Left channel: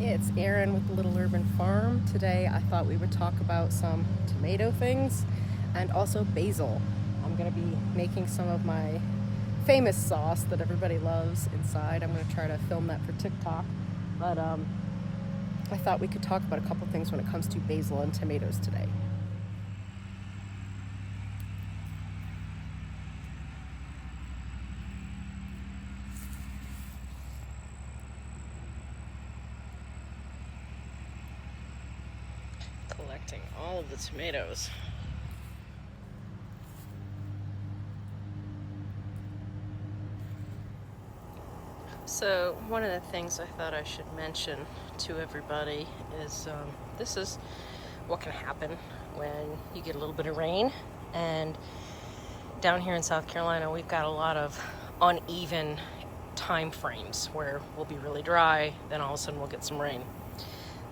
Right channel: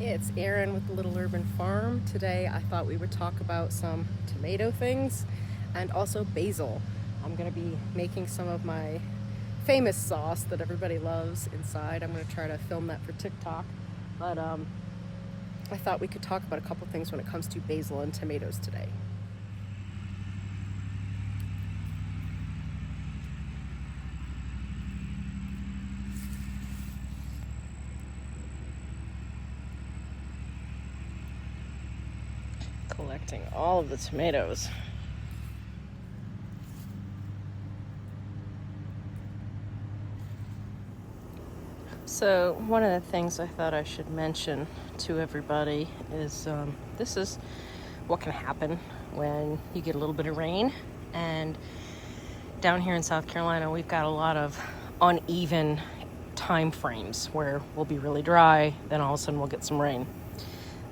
It's Erin with the Little Urban Farm. Today I thought we would talk about some tomato things and also basil. I'm going to be making some of my famous sauce that everybody loves inside. I'm going to try to film that for TikTok, but I thought we could talk about a couple things when it comes to basil and tomatoes today. Collecting all of the tomatoes. So one of the things I thought I should mention to everybody is this is what can happen when you get a little bit of rain. And down here in South Carolina, we've got a lot of uneven time frames where we'll be really dry, then all of a sudden we'll get some rain.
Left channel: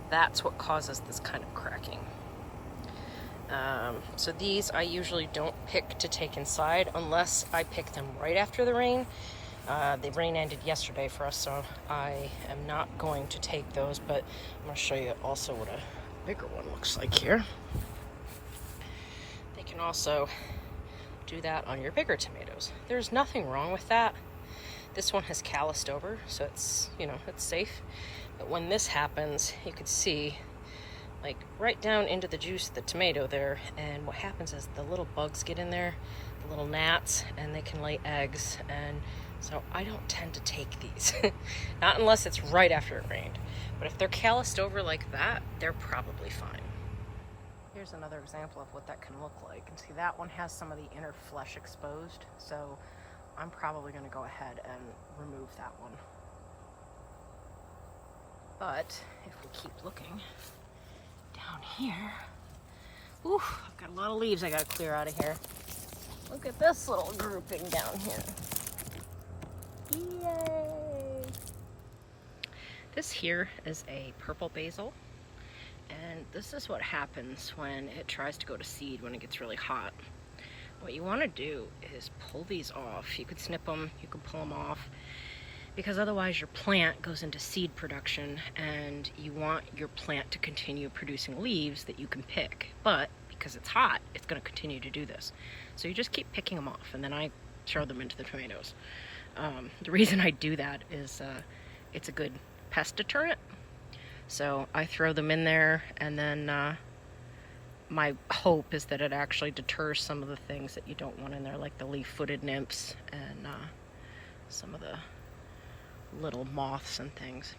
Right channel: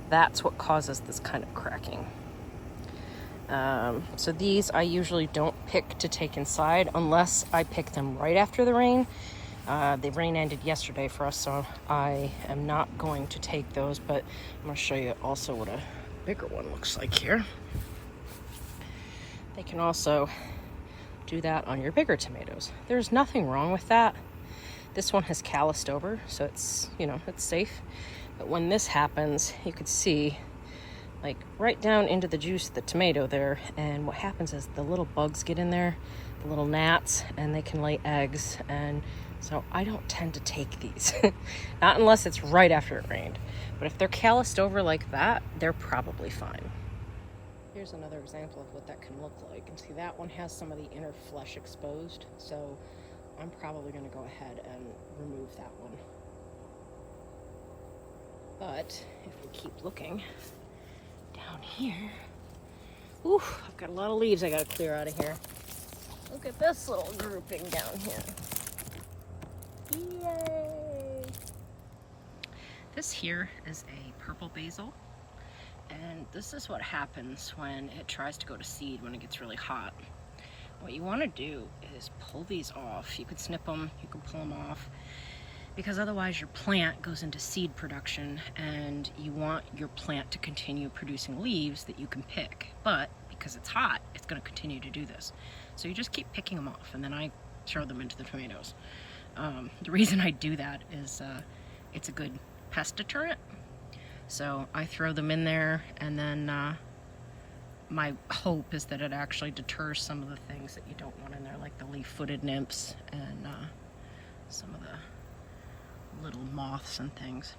That's what causes this kind of cracking. So these I usually don't pick to take inside unless I pick them right after the rain. The rain ended yesterday for us, so I am not going to take those, but I'm going to show you also what a bigger one looks like here. They can also do that on your bigger tomatoes. There's nothing wrong with that. This one has calloused over, so it's, it's safe. But when this happens, you could see like right down into the juice of the tomato there, and what happens is the little bugs get in there, the little gnats, and they can lay eggs, and so I don't tend to take these. Not unless it's right after it rained. But if they're calloused over like that, they're probably fine. Here's another example of what that can look like. And see, that one has some of the inner flesh exposed, so I'm probably gonna go ahead and remove that one. But if we keep looking down here, ooh, I've got a lot of leaves I gotta clear out of here. Look at this little grouping down here. Yay! This here is a purple basil, and this is what happens when it tries to go to seed when it gets really hot. What you want to do is pull these off. You could snip them, you could pull them off, because otherwise your plant goes into seed production, and you want your plant to continue producing leaves that you can pick. But because it's hot, it's going to continue to do this. So you just keep picking them off, and then I throw them into the tomatoes. The reason I do that is it's a good pest deterrent. So I throw them in there, and then my hope is that it actually deters some of the things that you don't want in there, like the leaf-footed nymphs and some of the little moths and things.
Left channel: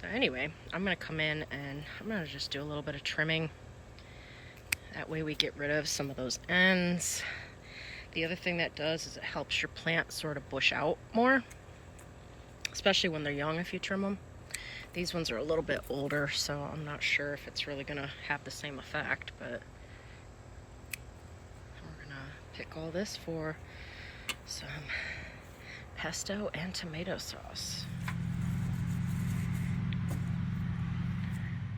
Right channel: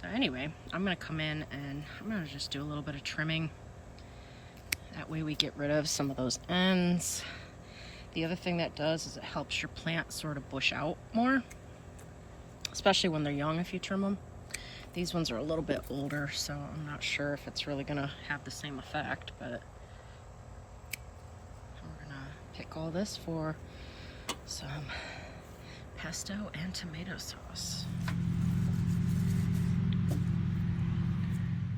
So anyway, I'm going to come in and I'm going to just do a little bit of trimming. That way we get rid of some of those ends. The other thing that does is it helps your plant sort of bush out more, especially when they're young if you trim them. These ones are a little bit older, so I'm not sure if it's really going to have the same effect, but we're going to pick all this for some pesto and tomato sauce.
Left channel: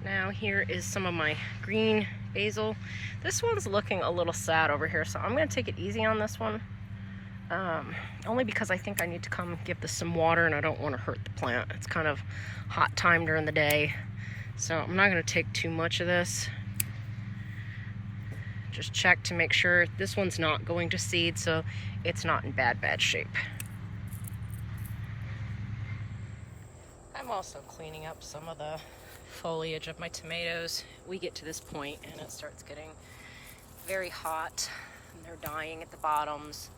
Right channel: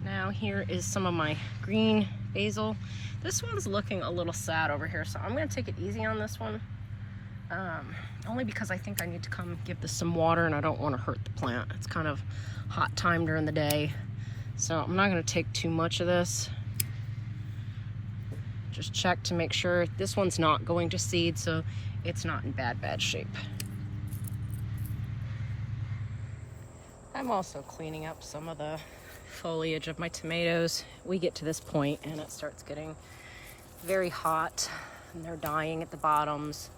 Now here is some of my green basil. This one's looking a little sad over here, so I'm going to take it easy on this one. Only because I think I need to come give this some water, and I don't want to hurt the plant. It's kind of hot time during the day, so I'm not going to take too much of this. Just check to make sure this one's not going to seed, so it's not in bad shape. I'm also cleaning up some of the foliage of my tomatoes. We get to this point and it starts getting very hot, and they're dying at the bottoms.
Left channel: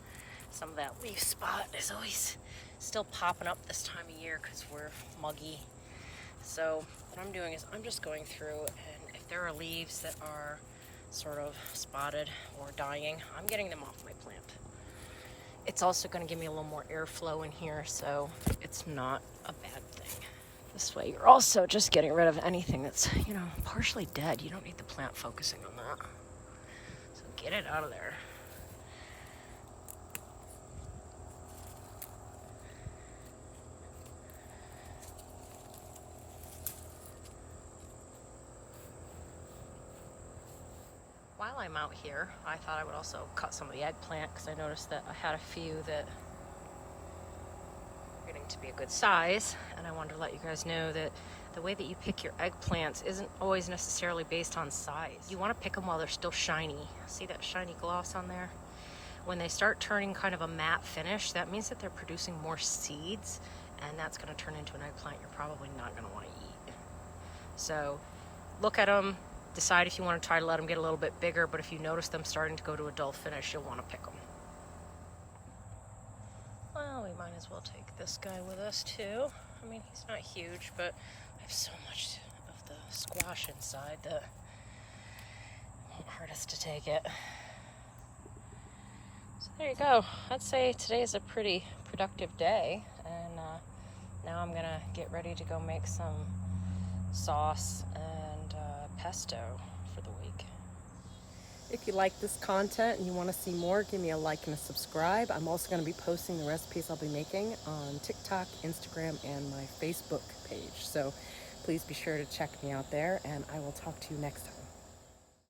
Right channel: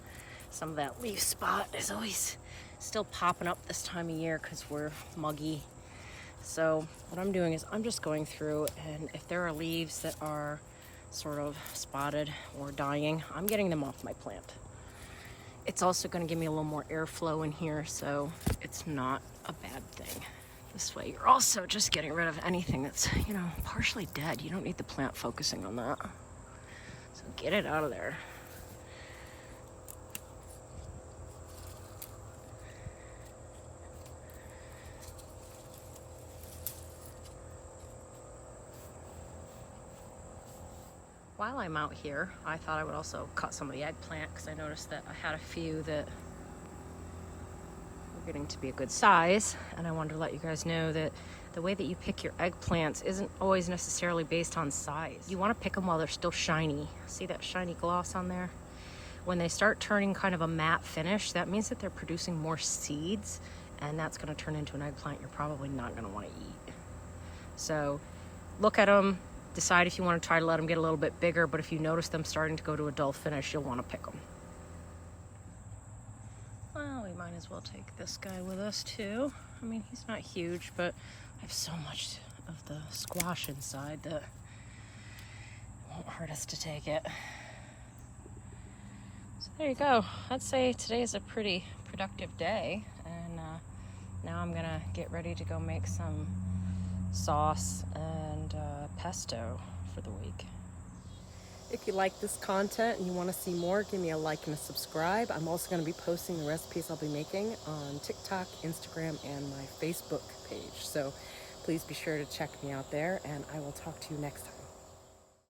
Some of that leaf spot is always still popping up this time of year because we're muggy. So what I'm doing is I'm just going through, and if there are leaves that are sort of spotted or dying, I'm getting them off my plant. It's also going to give me a little more airflow in here, so it's not a bad thing. This way you're also just getting rid of anything that's, partially dead. You don't need the plant focusing on that. So get it out of there. While I'm out here, I thought I would also cut some of the eggplant, because I noticed that I had a few that were getting to be a good size, and I wanted to let you guys know that the way that you pick your eggplants isn't always necessarily based on size. You want to pick them while they're still shiny. See that shiny gloss on there? When they start turning kind of a matte finish, that means that they're producing more seeds, and that's going to turn into an eggplant you're probably not going to want to eat. So look at them, decide if you want to try to let them get a little bit bigger, but if you notice them starting to go to a dull finish, you'll want to pick them. Well, we might as well take this guy with us too. I mean, he's not huge, but I have so much of the squash inside that it won't hurt us to take it. So there you go. I'd say today is a pretty productive day, and now I'm gonna get ready to go make some sauce and pesto for the week. If you like this content and you want to see more, give me a like and a subscribe. I'm also going to be posting the recipes I'll be making on TikTok, Instagram, and my Facebook page. So please be sure to check me out there, and I will talk to you next time.